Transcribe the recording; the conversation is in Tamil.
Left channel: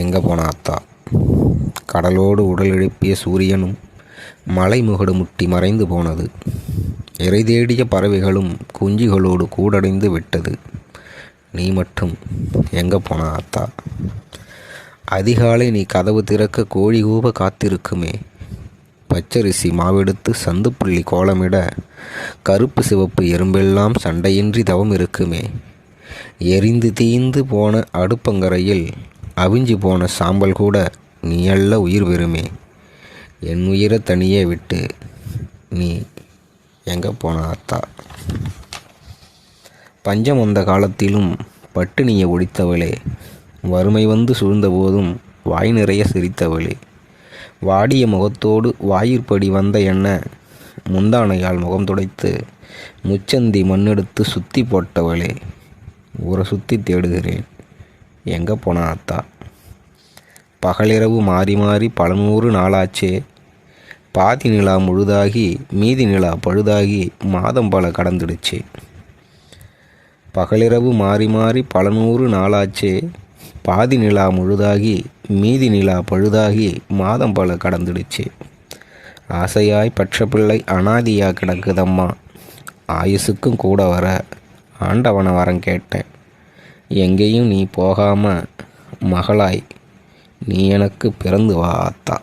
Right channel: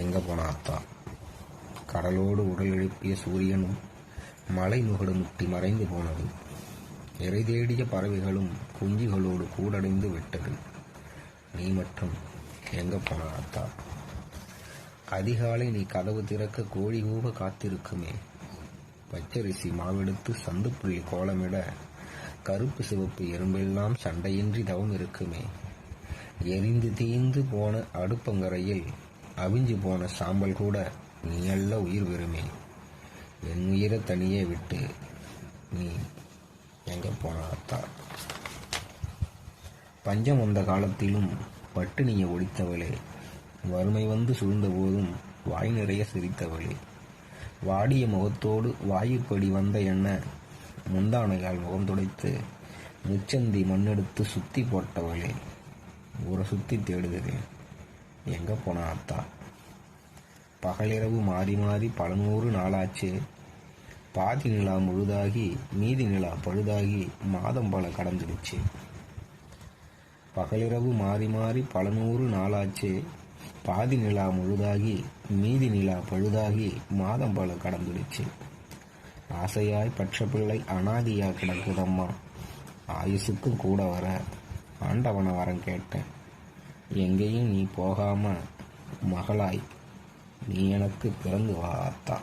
எங்கே போன அத்தா? கடலோடு உடல் எழுப்பிய சூரியனும் மலை முகடு முட்டி மறைந்து போனது. இறை தேடிய பறவைகளும் குஞ்சுகளோடு கூடடைந்து விட்டது. நீ மட்டும் எங்கே போன அத்தா? அதிகாலை நீ கதவு திறக்க கோழி கூவ காத்திருக்குமே. பச்சரிசி மாவெடுத்து சந்துப்புள்ளி கோலமிட கருப்பு சிவப்பு எறும்பெல்லாம் சண்டையின்றி தவம் இருக்குமே. எரிந்து தீந்து போன அடுப்பங்கரையில் அவிஞ்சு போன சாம்பல் கூட நீ அல்ல உயிர் பெறுமே. என் உயிரை தனியே விட்டு நீ எங்கே போன அத்தா? பஞ்சம் வந்த காலத்திலும் பட்டினியை ஒழித்தவளே, வறுமை வந்து சூழ்ந்த போதும் வாய் நிறைய சிரித்தவளே, வாடிய முகத்தோடு வாயிற்படி வந்த என்ன முந்தானையால் முகம் துடைத்து முச்சந்தி மண்ணெடுத்து சுத்தி போட்டவளே, ஊரை சுற்றி தேடுகிறேன் எங்கே போன அத்தா? பகலிரவு மாறி மாறி பல 100 நாளாச்சே. பாதி நிலா முழுதாகி மீதி நிலா பழுதாகி மாதம் பல கடந்துடுச்சு. பகலிரவு மாறி மாறி பல 100 நாளாச்சே. பாதி நிலா முழுதாகி மீதி நிலா பழுதாகி மாதம் பல கடந்துடுச்சு. ஆசையாய் பற்ற பிள்ளை அனாதியா கிடக்குதம்மா. ஆயுசுக்கும் கூட வர ஆண்டவனை வரம் கேட்டேன். எங்கேயும் நீ போகாம மகளாய் நீ எனக்கு பிறந்து வா அத்தா.